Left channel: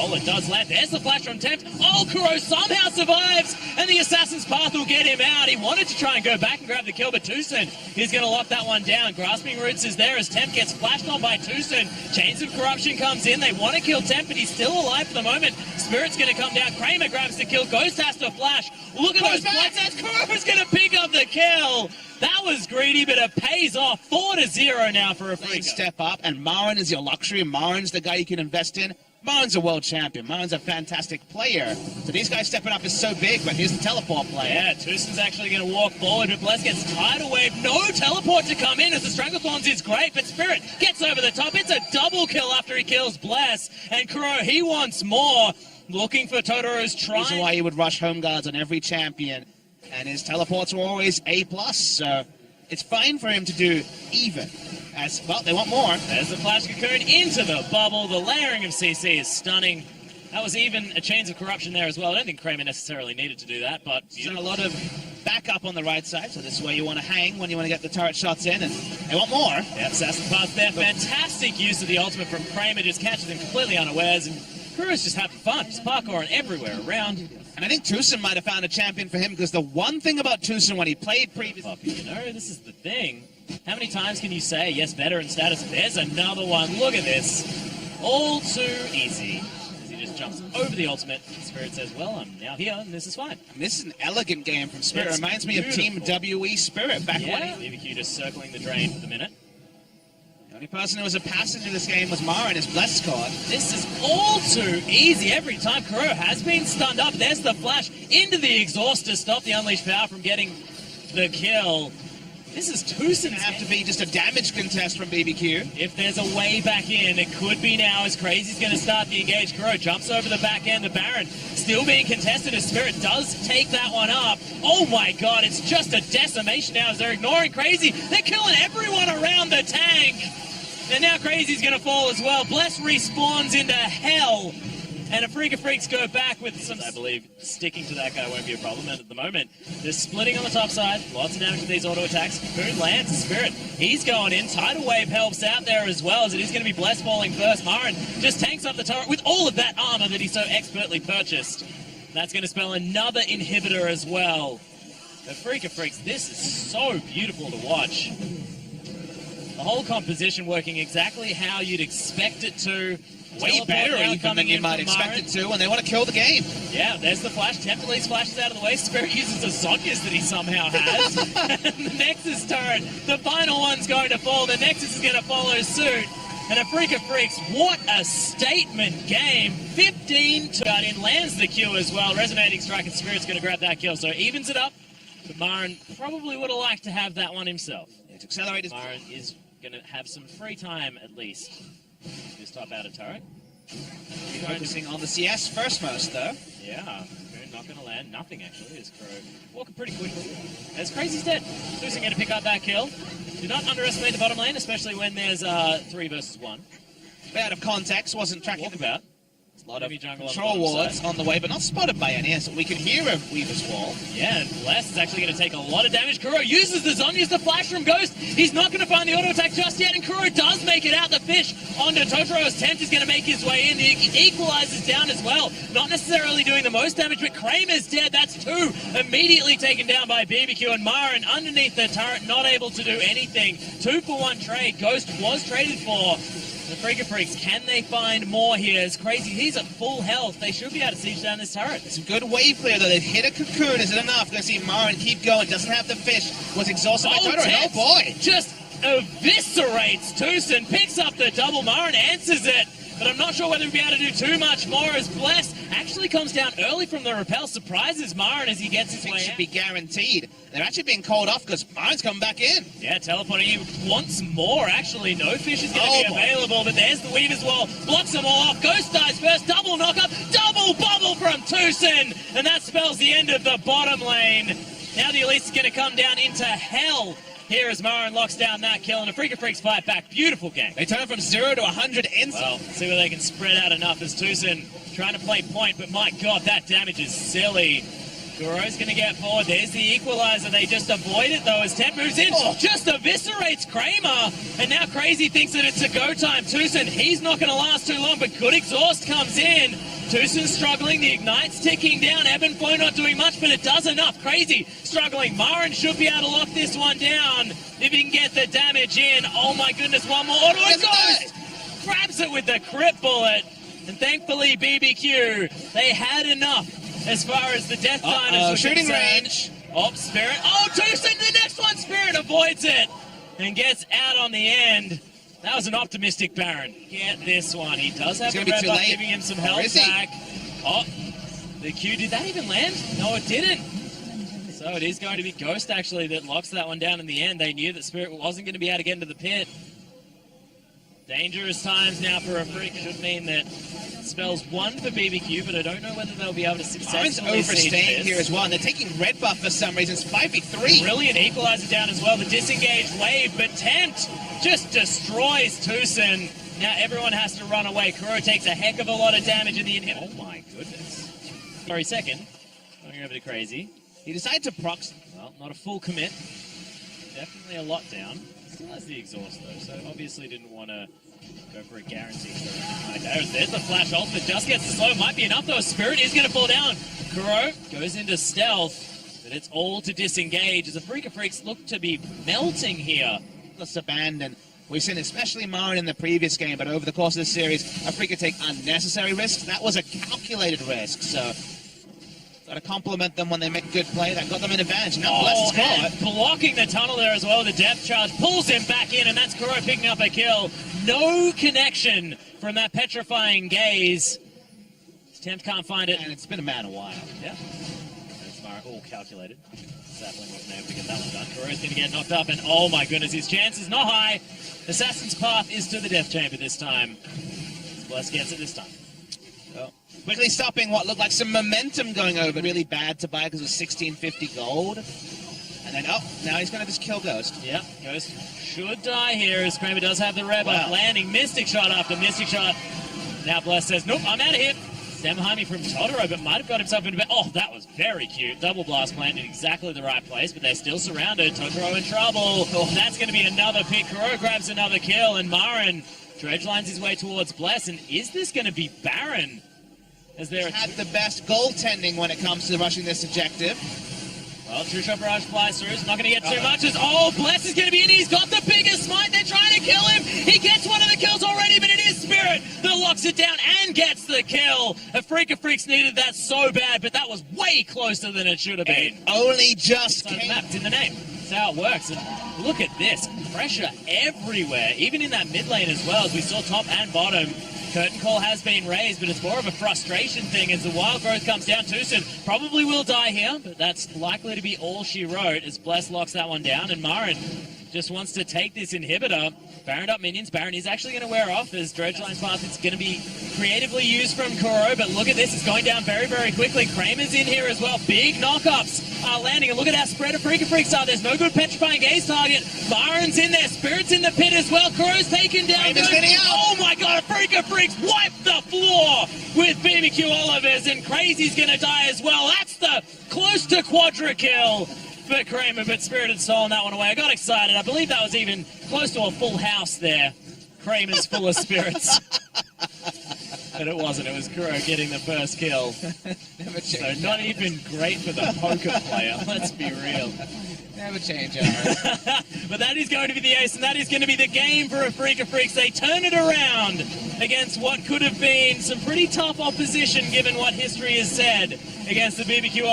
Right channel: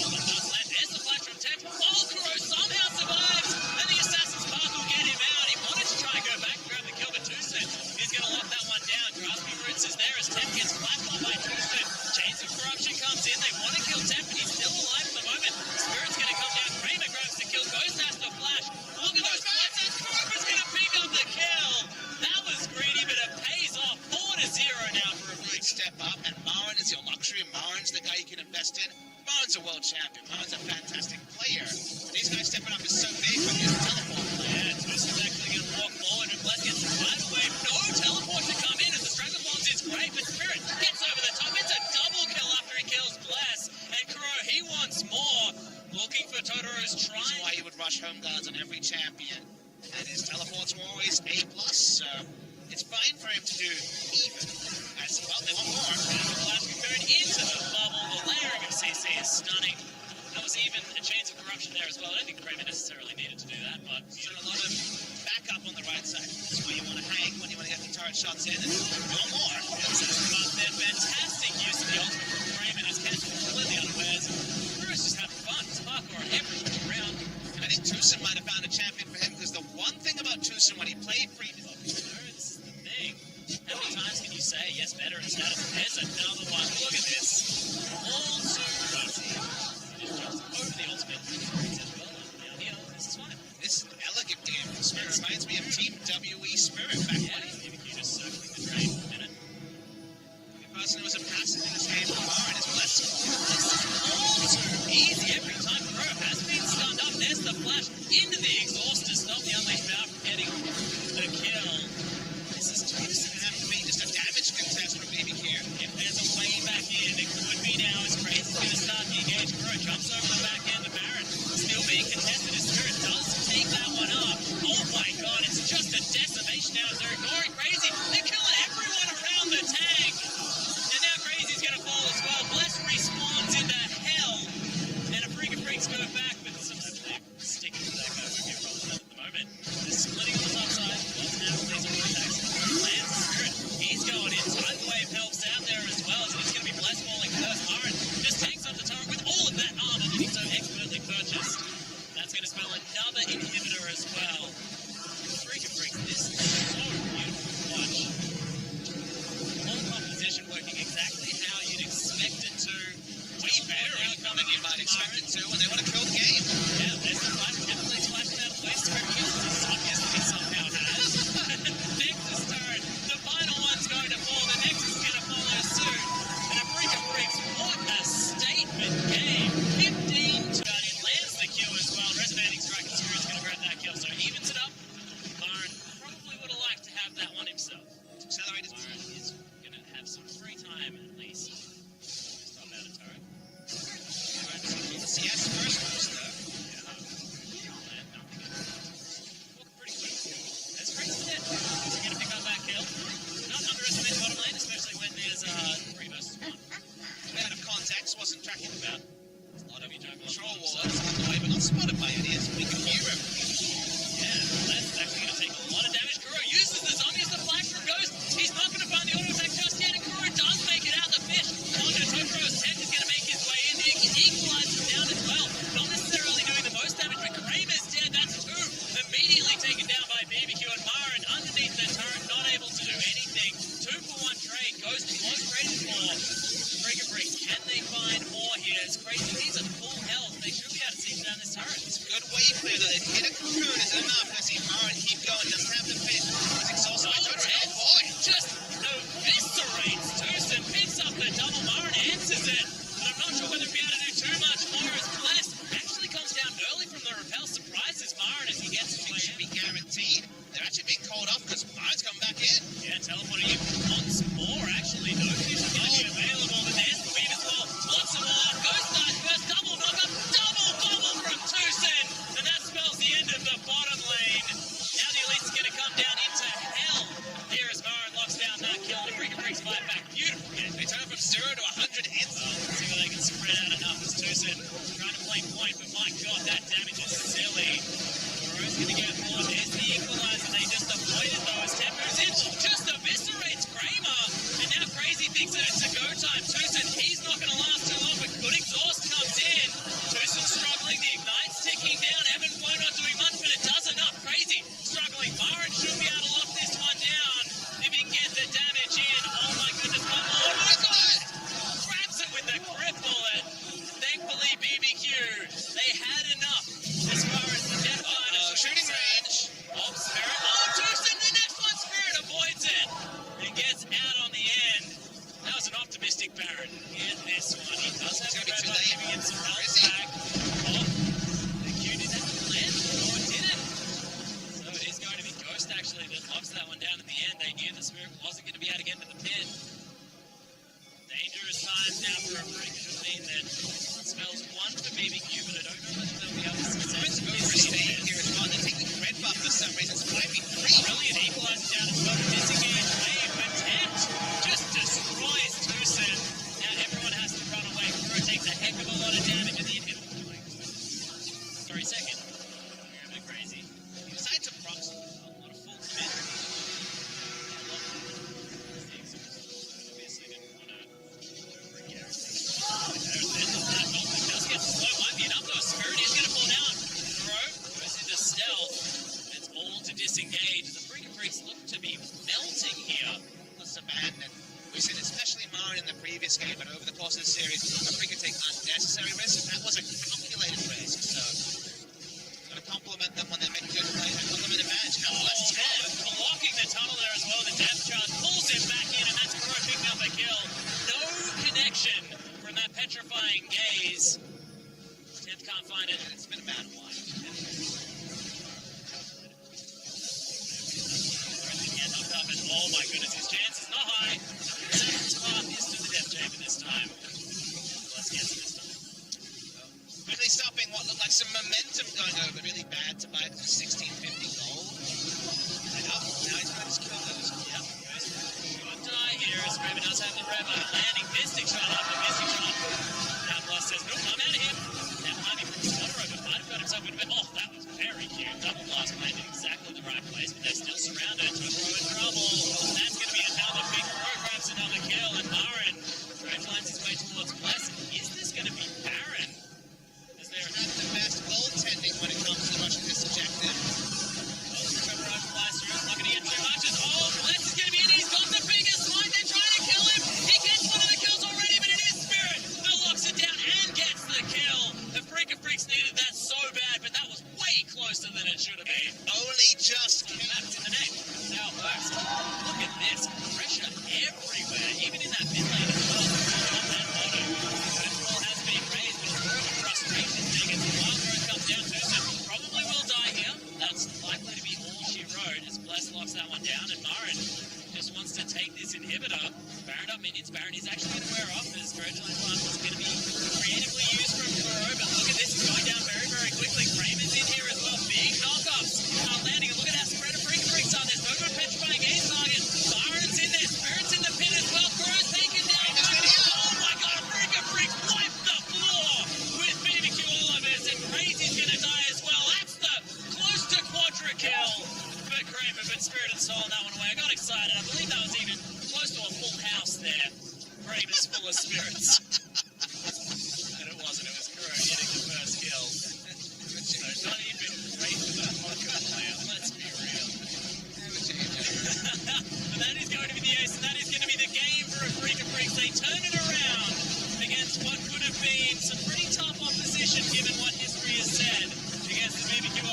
Oh, it does land. There's the flash from Tempt. Oh, Kuro somehow survives, and the Assassin's Path will get him out. He wanted to try and go back and grab the kill, but Tucson is going to lock that one down. Grasping Roots is there as Tempt gets flashed on by Tucson. Chains of Corruption comes in. They want to kill Tempt, but he's still alive for the moment. Spirit's going to come down. Kramer grabs the kill. Ghost has to flash. Look at those flags. Kuro's going to pick up the kill. That was greedy, but it pays off. 4-0 now for a free step up, and Marin is your luxury. Marin's the guy you can invest in. Marin's a world champion. Marin's a fantastic player. So these guys stepping up is so big, but here's the teleport player. Yeah, Tucson's actually going to walk forward, but Bless gets tidal wave. No teleport to come in as the Stranglethorns is great, but Spirit gets over the top. It's a double kill after he kills Bless, and Kuro, he wants more. Looking for Totoro's try. This is why he would rush home guards on every champion, and his teleports were always A+, so it's fine for him to do even. As well, they want more. There's the Flash Cocoon into the bubble. The layering of CC is stunning. That was even a Chains of Corruption there as well. I don't think Kramer necessarily needed to do that, but he's done a lot of backup on the right side, so this is where you want to hang when you want to get the turret shots in, and they want more. Yeah, Assassin Path there. Fantastic use of the ultimate from Kramer, just catches him completely unawares, and Kuro's just having fun. Just parkouring everywhere around. And I think Tucson might have found a champion for him, because the one thing about Tucson when he played previously... You know, this is the thing. How many times can you say, yes, veteran status? There's another one. Look at this. All too easy. He just jumps over the ultimate. Spirit says, well, I'm now here, and this is fine. And this is an elegant game from Spirit. Reminds me of Team WE Spirit back when BBQ just circling the drain for the minute. The only person who was a passenger in this game was Marin, his Bless squad. This is all too easy every time. Kuro has been stunned up. There's the flash into the exhaust to stop the Unleashed Power from getting the kill. This is Tucson have to be just a damage contest from BBQ. If there's a way back in, it could be now as Crazy's going to start the engage. Kuro jumps over the back end. The Baron still being contested as Spirit does take that one up. Oh my god, it's just a decimation now as they're ignoring Crazy. They're killing everyone around the tank. And now Crazy's going to fall as well. Bless respawns into hell. And a Freak of Freaks go back with some, I believe, sticking to that guy won't be a problem. And at the moment, they're splitting on the top side. Lots of damage with these auto attacks. Cocoon lands Spirit. He's going in. Tidal Wave helps out there as well, as it is going to be Bless falling first. Marin just tanks up the turret with all of that armor that he so expertly purchased. That's going to spell another inhibitor as well. The Freak of Freaks, this is so beautiful to watch. The whole composition working exactly how you'd expect it to. Way better even than you might expect it to, and they want to kill the game. Yeah, there's the flash. Template flashes out of the way. Spirit uses the Zonyas that he somehow has. Nexus turret, the final one's going to fall. The Nexus is going to follow suit. And a Freak of Freaks, what a statement game. 15 to got in, lands the Q as well. Resonating Strike, and Spirit's going to grab that kill. So evens it up. But Marin probably would have liked to have that one himself. It's accelerated. Marin is going to have some free time at least. Just top out a turret. Focusing on the CS first most though. Yeah, not going to land. Nothing actually. Is Kuro walking pretty quickly. As Crazy's dead. Tucson going to pick up that kill. Do not underestimate the bottom lane, especially when there's 3 versus 1. Bit out of context, wasn't tracking about. A lot of control wards on the way, but not spotted by any. As we can hear a Weaver's Wall. Yeah, and Bless is actually going to take a lot of damage. Kuro uses the Zonyas to flash from Ghost. He's not going to find the auto attack just yet, and Kuro does make it out. The fish onto Totoro's tent is going to make his way in. He equalizes down as well. Not necessarily doing the most damage, but Kramer's dead. That's 2 immediately taken down by BBQ, and Marin underneath the turret, not able to do anything. 2-for-1 trade. Ghost was traded for. The Freak of Freaks, can they find more here? It's Crazy. He's at full health. They should be able to siege down this turret. It's a good wave clear, though. They've hit a Cocoon. Is it enough? Going to see Marin keep going. Doesn't have the fish. Was exhausted by Totoro. Oh, boy. Just eviscerates Tucson. Picks up the double. Marin answers it. But I'm not sure whether he'll be able to do too much more as Bless actually comes down early from the rappel. Surprises Marin as he gets his way out. Should be guaranteed. They're actually being called off because Marin's coming back in. Yeah, teleporting you once more, actually. No fish is going to be available, but there's the Weaver's Wall. Blocks them all off. Ghost dies first. Double knockup. Double bubble from Tucson. And that spells the end of the bottom lane. Now the Elite's going to come down into hell. Here as Marin locks down that kill, and a Freak of Freaks fight back. Beautiful game. They turn from 0 to 100 instantly. Well, see whether they can spread out enough as Tucson trying to play point, but my god, that damage is silly. Guro's going to get forward. There's the equalizer. They just avoid it, though, as Temp moves in. Just eviscerates Kramer. And now Crazy thinks that it's a go time. Tucson, he's not going to last too long, but good exhaust comes in. Tucson's struggling. The Ignite's ticking down. Evan Flo not doing much, but it does enough. Crazy struggling. Marin should be able to lock this one down if he can get the damage in. Oh, my goodness. One more. Auto goes. Grabs it with the crit bullet. And thankfully, BBQ, they had enough as far as the death time is shooting concerned. range. Oh, Spirit. Oh, Tucson, the next one. Spirit avoids it and gets out on the end. That was an optimistic Baron. Get this one. He does have the red buff giving him some health back. Oh, the Q, did that even land? No, it didn't. So it is going to be Ghost, actually, that locks that one down in the end. They knew that Spirit wasn't going to be able to get into the pit. Dangerous times now for a freak. Should mean that spells one for BBQ, but I don't know whether they'll be able to successfully overstaying here as well. And they're taking red buff for some reason. It's 5v3. Brilliant equalizer down as well. The disengaged wave, but Tempt just destroys Tucson. Now everyone has to run away. Kuro takes a heck of a lot of damage in the inhib. Oh my goodness. Sorry, second. Going over to Crazy. He decided to prox. Well, not a full commit. Definitely a lockdown. That's the exhaust though, so obviously didn't want to go for a guarantee. There's the flash ult that just gets slow. Might be enough though. Spirit is going to fall down. Kuro goes into stealth, but it's all to disengage as the Freak of Freaks look to be melting here. Let's abandon. We've seen especially Marin in the previous game, but over the course of the series, Afrika take unnecessary risks. That was a calculated risk, so got to compliment them when they make a good play. That got them an advantage. And blocking the tunnel there as well. The depth charge pulls him back in, and that's Kuro picking up a kill. No connection from that petrifying gaze. Tempt can't find it. And it's been a man a while. Yeah. All calculated. Sapling wasn't able to get that one done. Kuro's going to get knocked up, and oh my goodness, his chance is not high. Assassin's path is to the death chamber this time. Bless gets it this time. Well, quickly stopping what looked like some momentum going over. Really bad to buy because it was 1650 gold. And then, now he's going to just kill Ghost. Yep, Ghost should die here as Kramer does have the rev up. Landing Mystic Shot after Mystic Shot. Now Bless says, nope, I'm out of here. Stand behind me from Totoro, but might have got himself into bed. Oh, that was very cute. Double blast planted in exactly the right place, but they're still surrounded. Totoro in trouble. Oh, that's going to be another pick. Kuro grabs another kill, and Marin dredge lines his way towards Bless. And is this going to be Baron? As they're had the best goaltending when it comes to rushing this objective. Well, True Shot Barrage flies through. It's not going to get too much. Bless is going to be in. He's got the biggest smite. They're trying to kill him. He gets one of the kills already, but it is Spirit that locks it down and gets the kill. A Freak of Freaks needed that so bad, but that was way closer than it should have been. It only just mapped in the name. That's how it works. And look at this. Pressure everywhere, even in that mid lane as well, as we saw top and bottom. Curtain call has been raised, but it's more of a frustration thing as the wild growth comes down too soon. Probably will die here, but that's likely to be all she wrote as Bless locks that one down, and Marin just wants to take this inhibitor. Baron up minions. Baron is actually going to wear off as Dredgeline's path is going to be creatively used from Kuro, but look at this. It's going down very, very quickly. Kramer's in here as well. Big knockups are landing, and look at how spread a Freak of Freaks are. There's no good petrifying gaze target. Baron's in there. Spirit's in the pit as well. Kuro's taken down. Oh my god, a Freak of Freaks wiped the floor with BBQ Olivers, and Crazy's going to die as well. That's the close to quadra kill for Kramer, but Spirit had stolen that one away. I got excited. I believe that was even close to a full house there. Kramer's full of spirits. But it wasn't. It was Kuro getting the first kill. So not even great for the poker player. Let's be real. Never change, But that is going to be the ace, and that is going to be the game for a Freak of Freaks. They turn it around against what could have been some pretty tough opposition, given what history has said against the BBQ